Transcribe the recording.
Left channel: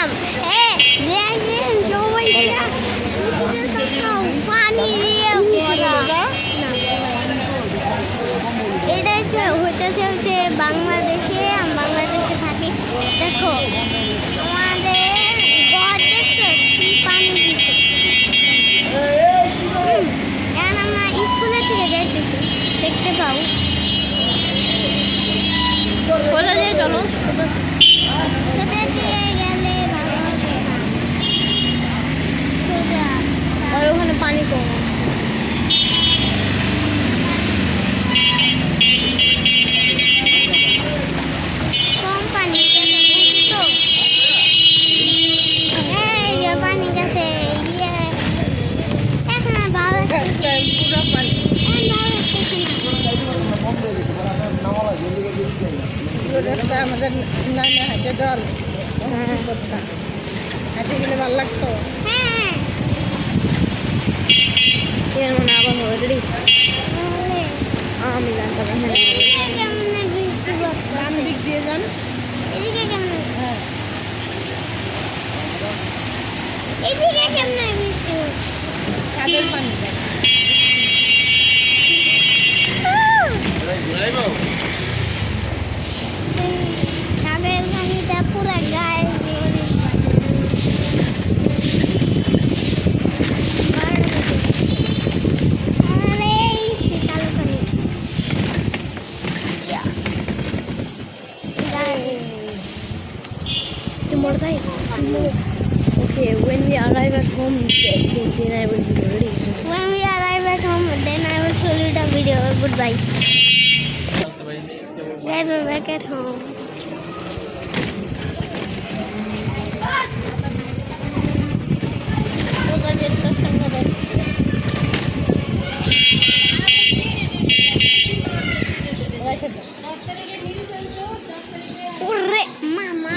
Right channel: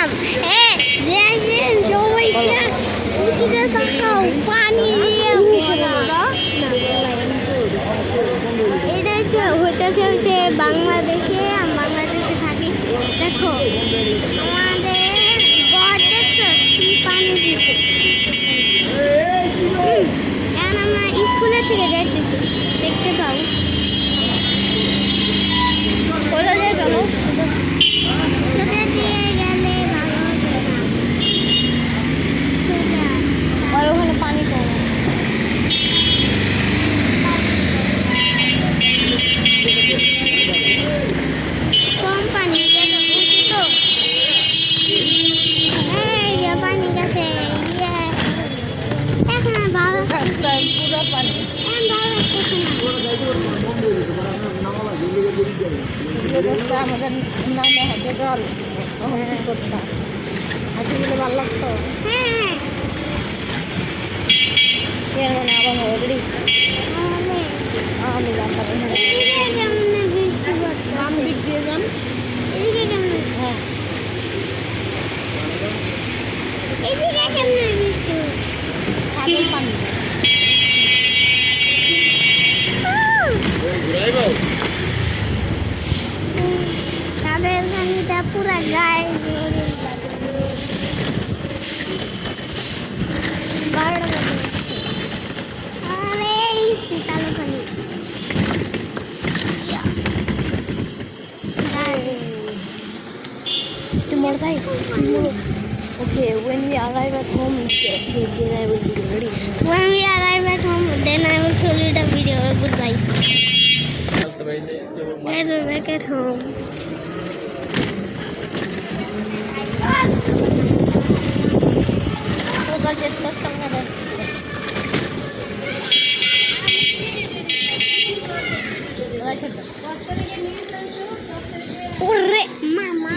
আসলাম। দেখেন সবাইটা ওদিকে তাকাও, পানি দিয়ে ভরা। না, এটা হইতেছে বাংলাদেশে। আমি বাংলাদেশে থাকি। দেখো আমাদের গড় দেখছো কি পানি দিছে। এখন আমরা স্কুলের থেকে যাইতেছি, দেখতে পাও। চলে যাই, চলো। সোজা দিয়ে গেলে ভালো হবে না। সোজা আর ওখানে পানি কম। কম পানি তো এই যে পানি গেছে। এখন আর ভালো লাগতেছে পুরো পানি। এখন ভালো লাগতেছে না। আমাদের নামে হাতে জল করতাম, হাতে গেলে ভালো লাগতো। হ্যাঁ আবার অলরেডি আমি জানতাম বাম দিক দিয়ে যান। হ্যাঁ কাদের পানি কাদের পানিটা পুরা গায়ে আরে শীতালো পানি। Tomorrow, okay, when we arrive at home, then I will be ready. When we arrive at home, then I will show you the video. Goodbye. Guys, we're back at home. Mama,